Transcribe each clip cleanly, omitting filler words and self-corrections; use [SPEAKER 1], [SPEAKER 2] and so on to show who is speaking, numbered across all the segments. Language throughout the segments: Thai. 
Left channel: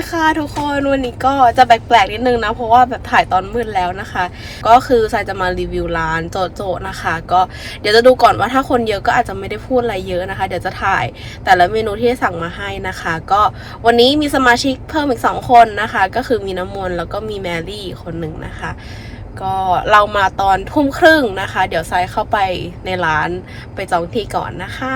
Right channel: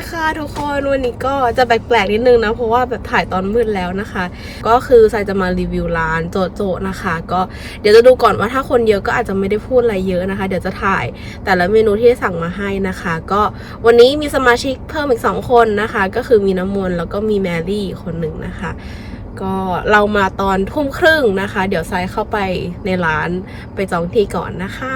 [SPEAKER 1] ค่ะทุกคนวันนี้ก็จะแปลกๆนิดนึงนะเพราะว่าแบบถ่ายตอนมืดแล้วนะคะก็คือทรายจะมารีวิวร้านโจโจนะคะก็เดี๋ยวจะดูก่อนว่าถ้าคนเยอะก็อาจจะไม่ได้พูดอะไรเยอะนะคะเดี๋ยวจะถ่ายแต่ละเมนูที่สั่งมาให้นะคะก็วันนี้มีสมาชิกเพิ่มอีก2คนนะคะก็คือมีน้ำมนต์แล้วก็มีแมรี่คนหนึ่งนะคะก็เรามาตอนทุ่มครึ่งนะคะเดี๋ยวทรายเข้าไปในร้านไปจองที่ก่อนนะคะ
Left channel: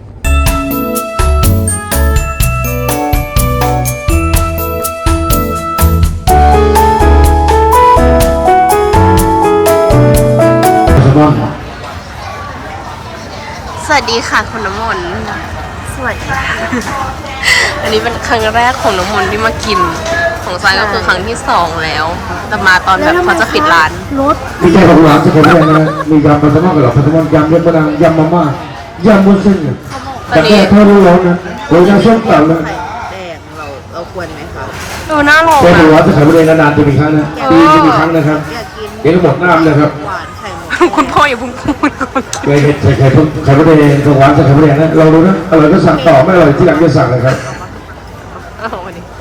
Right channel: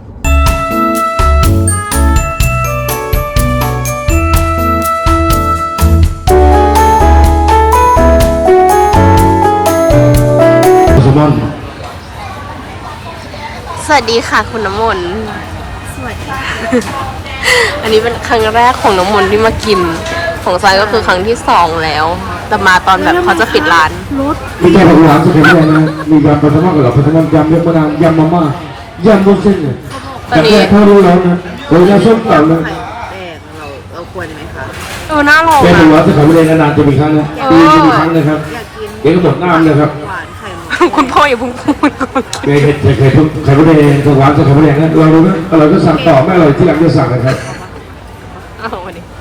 [SPEAKER 1] สวัสดีค่ะคุณน้ำมนต์สวัสดีค่ะ อันนี้เป็นครั้งแรกของน้ำมนต์ที่มากินของทรายก็คือครั้งที่2แล้วแต่มาตอนแบบเขาจะปิดร้าน
[SPEAKER 2] มีใจของร้านสุดท้ายนะมียำปลาแซลมอนกับปลาแซลมอนยำเยอะมากยำมาม่ายำบุญเส้นแต่แค่ถ้ารู้แล้วนะโดยน้ำส้มเก่าเลย
[SPEAKER 3] เราควรไหมคะ
[SPEAKER 1] น่าลอง
[SPEAKER 2] แกดู
[SPEAKER 1] อ่ะ
[SPEAKER 2] ว่าจะขายบริเวณนานๆจะมีครั้งนะปีจะมีครั้งนะครับเดี๋ยวก็หมดน้ำนะครับ
[SPEAKER 1] คุณพ่ออย่าพุ่งพูด
[SPEAKER 2] แกเห็ดไข่ไข่บริเวณของร้านจะขายบริเวณนะลองดูนะอร่อยก็สั่งต่อไม่อร่อยที่หลังจะสั่งนะครับ
[SPEAKER 1] เอามาดิ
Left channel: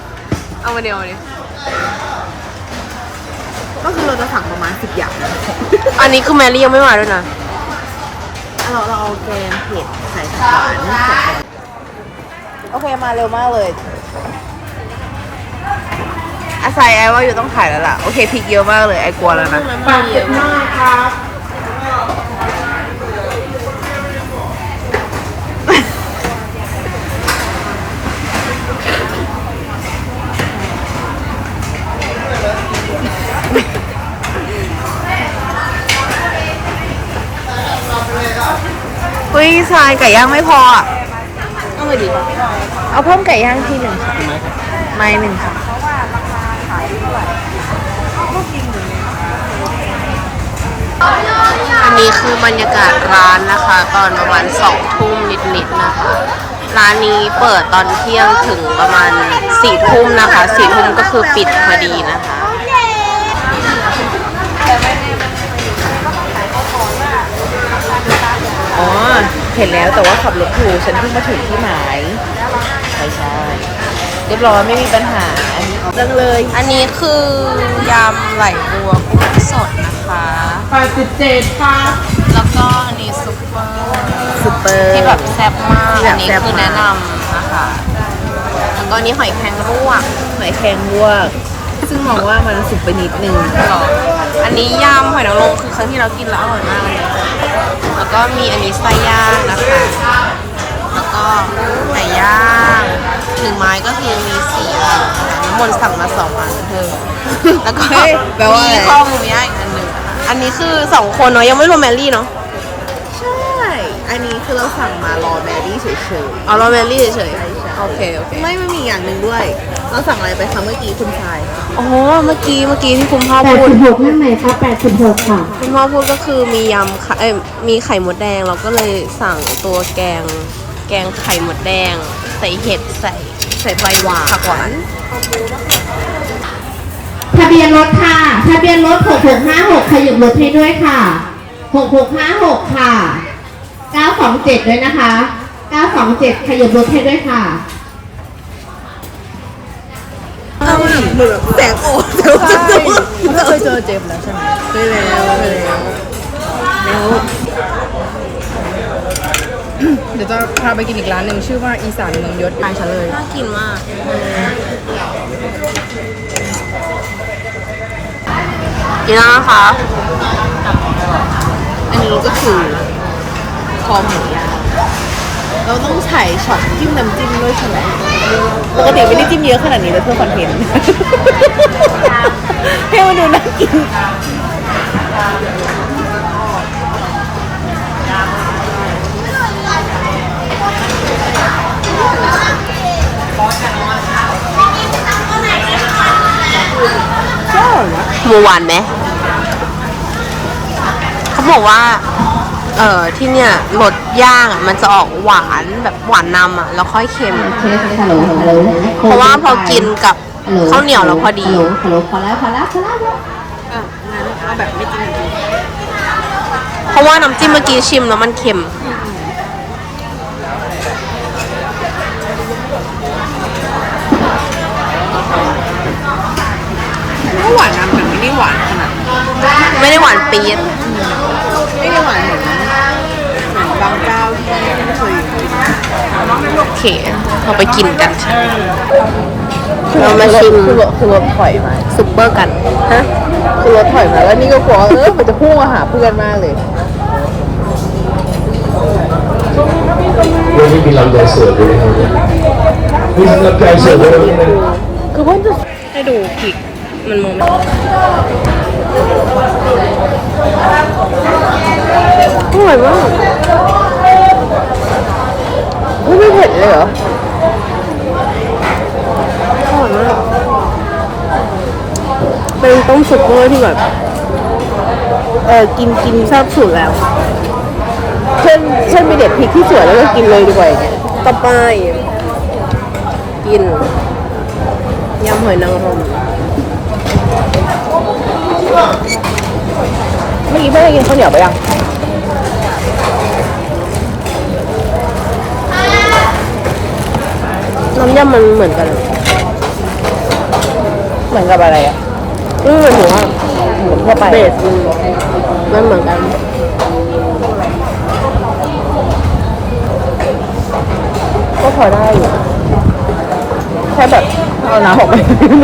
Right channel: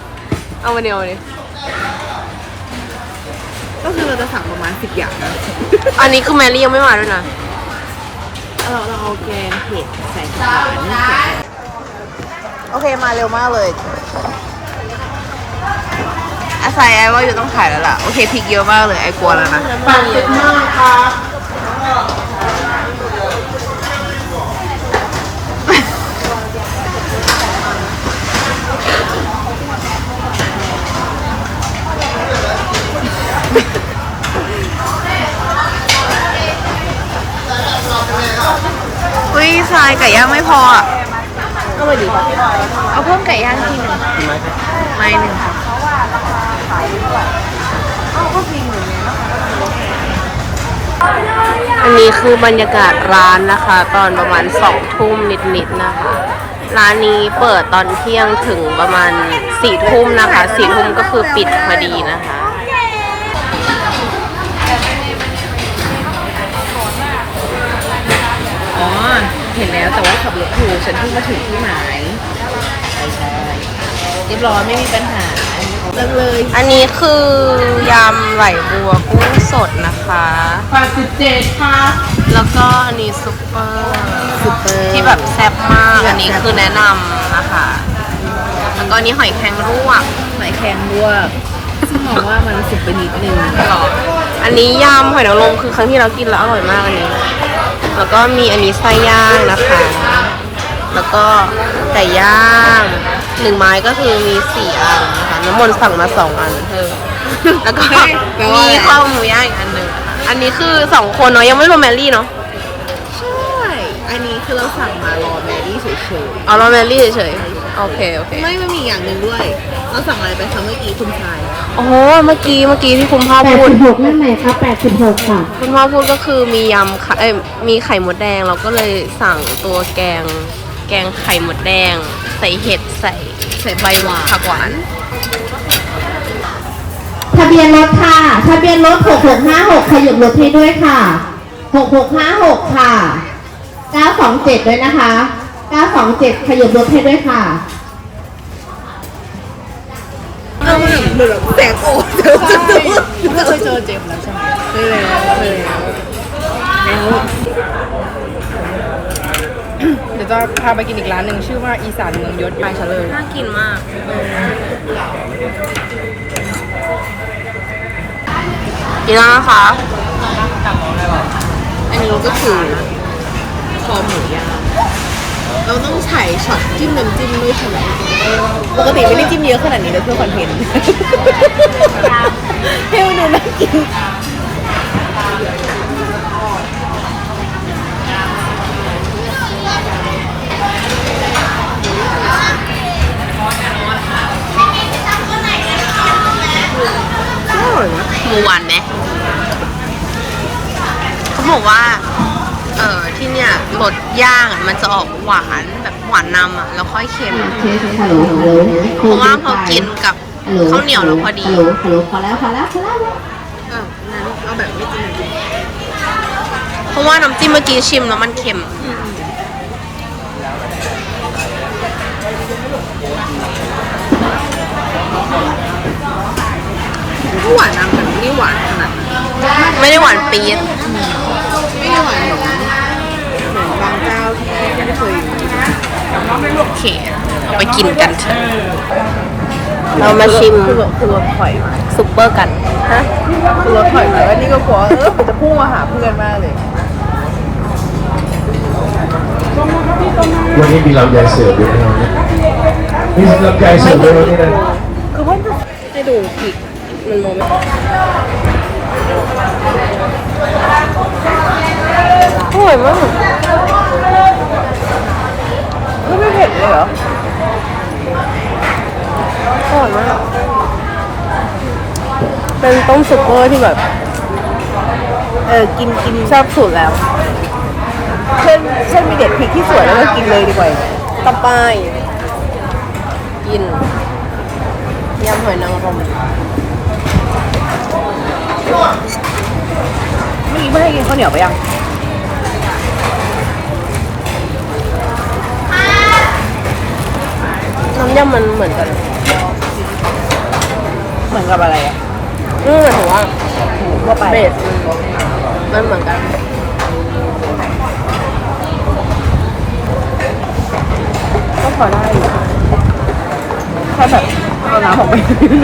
[SPEAKER 3] ก็คือเราจะสั่งประมาณ10 อย่าง
[SPEAKER 1] อันนี้คือแมรี่ยังไม่มาด้วยนะ
[SPEAKER 3] เราเอาแกงเผ็ดใส่หวานโอเคมาเร็วมากเลย
[SPEAKER 1] อาศัยไอ้ว่าอยู่ต้องถ่ายแล้วล่ะโอเคพริกเยอะมากเลยไอ้กลัวแล้วนะ
[SPEAKER 3] 85ครับ
[SPEAKER 1] อุ้ยทรายไก่ย่างไม่พออ่ะ
[SPEAKER 3] เอาไปดิเอาเพิ่มไก่ย่างที่หนึ่งไม่หนึ่ง
[SPEAKER 1] อันนี้คือบรรยากาศร้านนะคะตอนประมาณ2 ทุ่มนิดๆนะคะร้านนี้เปิดตอนเที่ยงถึงประมาณ4 ทุ่มนะคะ4 ทุ่มก็คือปิดพอดีนะคะ
[SPEAKER 3] อ๋อเห็นแล้วแต่ว่าขับรถอยู่ฉันเพิ่งมาถึงที่หมายใช่เรียบร้อยไม่มีปัญหาอันนี้เรื่องเลย
[SPEAKER 1] อันนี้คือยำไหลบัวกุ้งสดนะคะ
[SPEAKER 3] 8.7ค่ะ
[SPEAKER 1] แล้วก็อันนี้ซุปเปอร์ที่แบบแซ่บมากอันนี้คือแนะนำนะคะแล้วก็อันนี้หอยแครงลวก
[SPEAKER 3] ซึ่งมองว่ามันสุกไปนิดนึง
[SPEAKER 1] หรออันนี้ยำหอยนางรมคือครั้งที่เรากินแล้วอร่อยมากอันนี้แล้วก็มีอันนี้ไส้ย่างนะคะแล้วก็ไก่ย่าง1 ไม้ก็คือมี4 อันนะคะน้ำมนต์สั่งมา2 อันเพิ่มแล้วก็มีข้าวหมูย่างอีกอันหนึ่งอันนี้คือ2 คนเนาะยังไม่รวมแมรี่เนาะ
[SPEAKER 3] ใช่อันนี้คือเราสั่งมารอแมรี่เฉย
[SPEAKER 1] ๆรอแมรี่เฉยๆโอเค
[SPEAKER 3] ไม่มีอย่างหนึ่งด้วยเราสั่งอะไรไปคะเมื่อกี้คุณชาย
[SPEAKER 1] อ๋อเมื่อกี้ที่คุณพ่อพูด
[SPEAKER 4] 86นั่นไหนคะ86ค่ะ
[SPEAKER 1] คุณพ่อพูดก็คือมียำมีไข่มดแดงเราก็เลยสั่งตัวแกงไข่มดแดงใส่เห็ดใส่ใบหวานผักหวาน
[SPEAKER 4] ทะเบียนรถค่ะทะเบียนรถ6656ขยับรถให้ด้วยค่ะ6656ค่ะ927ด้วยนะคะ927ขยับรถให้ด้วยค่ะ
[SPEAKER 3] เอาเหมือนแบบแสงโอ้เดี๋ยวจะเคยเจอเจมส์ใช่ไหมเคยแล้วเดี๋ยวจะพาไปกินอีกร้านหนึ่งชื่อว่าอีสานเมืองยศไปฉันเลย
[SPEAKER 1] น่ากินมากกินแล้วนะคะ
[SPEAKER 3] อันนี้ก็คือคอหมูย่างเราต้องใช้ช็อตจิ้มน้ำจิ้มด้วยใช่ไหมปกติไม่ได้จิ้มเยอะขนาดนี้เลยเพื่อคอนเทนต์ให้มันดูน่ากิน
[SPEAKER 1] หมูหวานไหมเขาบอกว่าที่เนี่ยรสย่างมันจะออกหวานแบบหวานนำแล้วค่อยเค็มเพราะว่าพอกินกับข้าวเหนียวแล้วพอดี
[SPEAKER 4] พอแล้ว
[SPEAKER 3] งั้นเอาแบบไม่จิ้ม
[SPEAKER 1] เพราะว่าน้ำจิ้มเมื่อกี้ชิมแล้วมันเค็ม
[SPEAKER 3] อก็หวานนำแต่ไม่ได้หวานขนาดนั้น
[SPEAKER 1] ไม่ได้หวานปี๊ด
[SPEAKER 3] ไม่ได้หวานเหมือนบางเจ้าที่ไม่เคยกิน
[SPEAKER 1] โอเคเราไปกินกันเถอะเรามาชิม
[SPEAKER 3] คือรสถอยมา
[SPEAKER 1] ซุปเปอร์กันฮะ
[SPEAKER 3] คือรสถอยมาแล้วนี่ก็กลัวจะพุ่งมาหาเพื่อนมากเลย
[SPEAKER 2] วันนี้มีลำไยเสิร์ฟด้วยนะครับเนี่ยมีลำไยเสิร์ฟด้วยนะ
[SPEAKER 1] คือว่าจะให้ดูพริกมันมองไม่อร่อยมาก
[SPEAKER 3] ไม่เผ็ดเลยเหรอ
[SPEAKER 1] อร่อยมากเป็นต้มซุปเปอร์ที่แบบ
[SPEAKER 3] กิน
[SPEAKER 1] แซ่บสุดแล้ว
[SPEAKER 3] เช่นมีเด็ดพริกที่สวยแล้วก็กินเลยดีกว่าอย่างเงี้ย
[SPEAKER 1] ต่อไปกินยำหอยนางรม
[SPEAKER 3] เมื่อกี้ไม่ได้กินข้าวเหนียวไปยัง
[SPEAKER 1] น้ำยำมันเหมือนกันอะ
[SPEAKER 3] เหมือนกับอะไร
[SPEAKER 1] หมายถึงว่าเบสมันเหมือนกัน
[SPEAKER 3] ก็พอได้อยู่แค่แบบเอาน้ำออกไป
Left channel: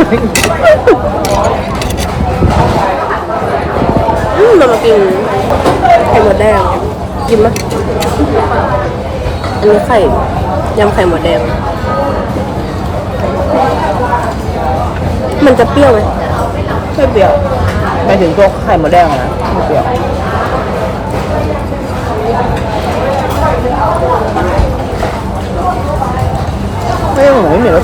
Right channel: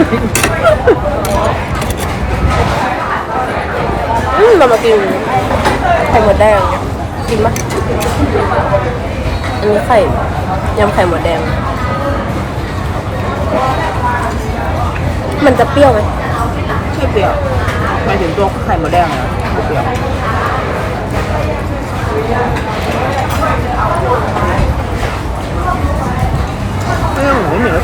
[SPEAKER 1] เรามากินไข่หมดแดงกินปะอันนี้ไข่ยำไข่หมดแดง มันจะเปรี้ยวไหม
[SPEAKER 3] ใช่เปรี้ยวไปถึงตัวไข่หมดแดงนะเปรี้ยวไม่ต้องไม่เหนียว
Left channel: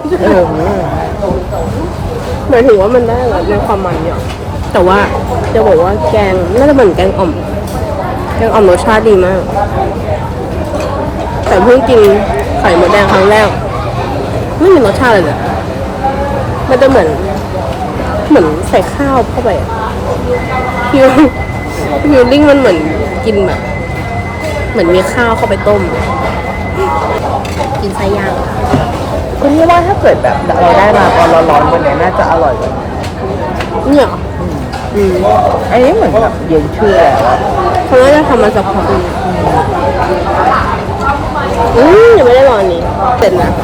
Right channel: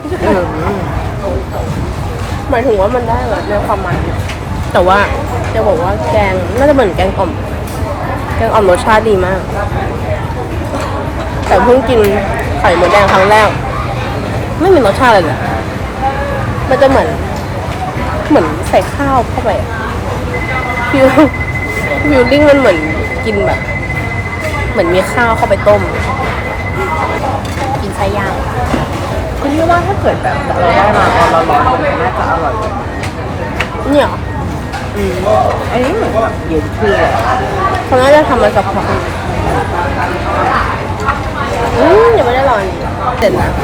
[SPEAKER 1] หมายถึงว่ามันได้แหละในความมันเนี่ยแต่ว่าจะบอกว่าแกงน่าจะเหมือนแกงอ่อม แกงอ่อมรสชาติดีมาก แต่เพิ่งกินไข่หมดแดงครั้งแรก ไม่มีรสชาติเลย มันจะเหมือนใส่ข้าวเข้าไปอะฟิลลิ่งมันเหมือนกินแบบ เหมือนมีข้าวเข้าไปต้ม กินไส้ย่าง
[SPEAKER 3] ก็นี่ว่าถ้าเกิดแบบเราได้มาตอนร้อนๆวันนี้น่าจะอร่อยกว่า
[SPEAKER 1] เนี่ยเหรอ
[SPEAKER 3] อันนี้เหมือนแบบเย็นเพื่อ
[SPEAKER 1] เขาน่าจะทำมาสักพักหนึ่งยังไม่ได้รออันนี้ เสร็จนะ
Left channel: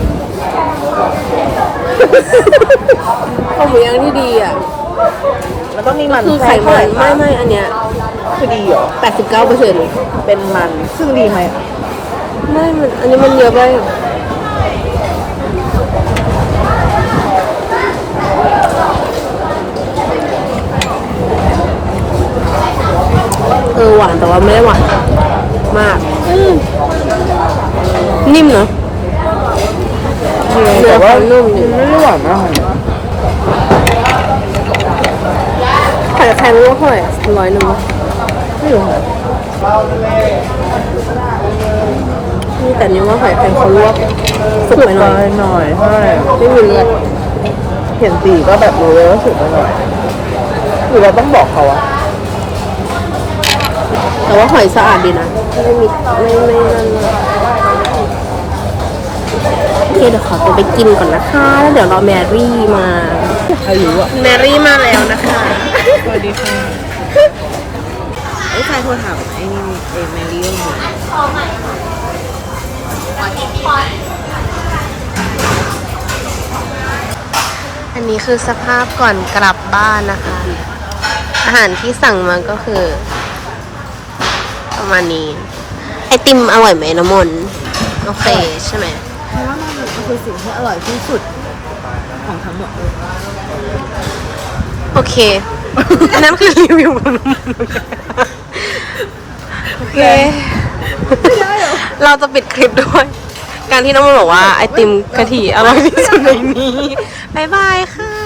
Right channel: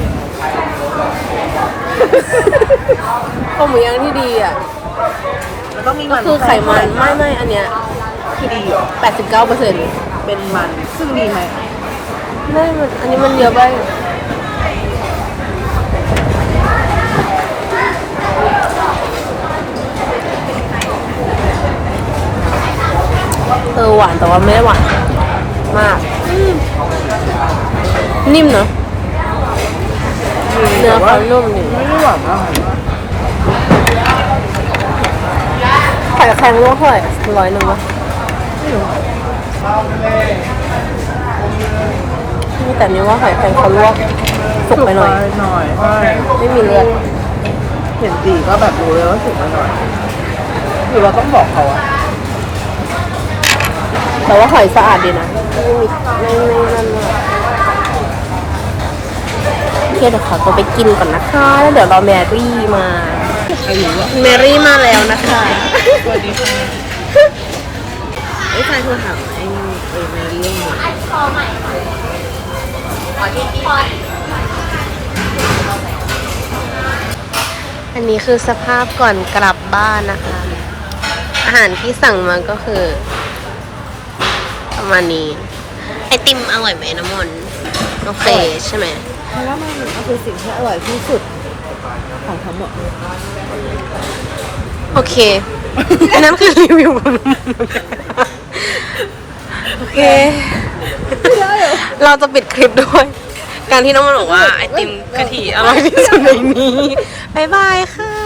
[SPEAKER 1] ข้าวหมูย่างที่ดีอ่ะ
[SPEAKER 3] แล้วต้องมี
[SPEAKER 1] ก็
[SPEAKER 3] มัน
[SPEAKER 1] คือไขมันไม่อันเนี้ย
[SPEAKER 3] คือดีเหรอ
[SPEAKER 1] 89%
[SPEAKER 3] เป็นมันซึ่งดีไหม
[SPEAKER 1] ไม่มันอันนี้มันเยอะไปหวานแต่ว่าไม่ได้หวานมาก นิ่มเนอะเนื้อเขานุ่มดี
[SPEAKER 3] ไม่ได้หวานมาก
[SPEAKER 1] ไข่แข็งลวกเท่าไหร่100วะนี่แต่นี้ว่าหอยแครงเขาลวกสุกไปหน่อย
[SPEAKER 3] หน่อยใช่
[SPEAKER 1] ไม่มีเลือด
[SPEAKER 3] เห็นสีก็แบบรู้เลยว่าสุกไปหน่อยคือเราต้องบอกเขาอะ
[SPEAKER 1] แต่ว่าหอยสะอาดดีนะไม่มีไม่นั่นมากโอเคเดี๋ยวขอตัวไปกินก่อนนะคะแล้วเดี๋ยวรอแมรี่มา
[SPEAKER 3] ใครรู้อะ
[SPEAKER 1] แมรี่มาแล้วนะคะ
[SPEAKER 3] สวัสดีค่ะไอ้ใครโทรถามไอ้แมรี่ว่าไง
[SPEAKER 1] อันนี้คือสภาพก่อนกลับบ้านนะคะ อาหารที่สั่งมาก็คือ ประมาณนี้ ไอติมอร่อยไหมน้ำมนต์โอเคใช่ไหม
[SPEAKER 3] เพราะว่ามันก็คือสิ่งที่อร่อยที่สุดของทั้งหมดเลย
[SPEAKER 1] โอเค อันนั้นคือรีวิวของน้ำมนต์โอเค เราจะปิดคลิปด้วย การที่น้ำมนต์บอกว่าไอติมกะทิอร่อยที่สุดในนี้ บ๊ายบายค่ะ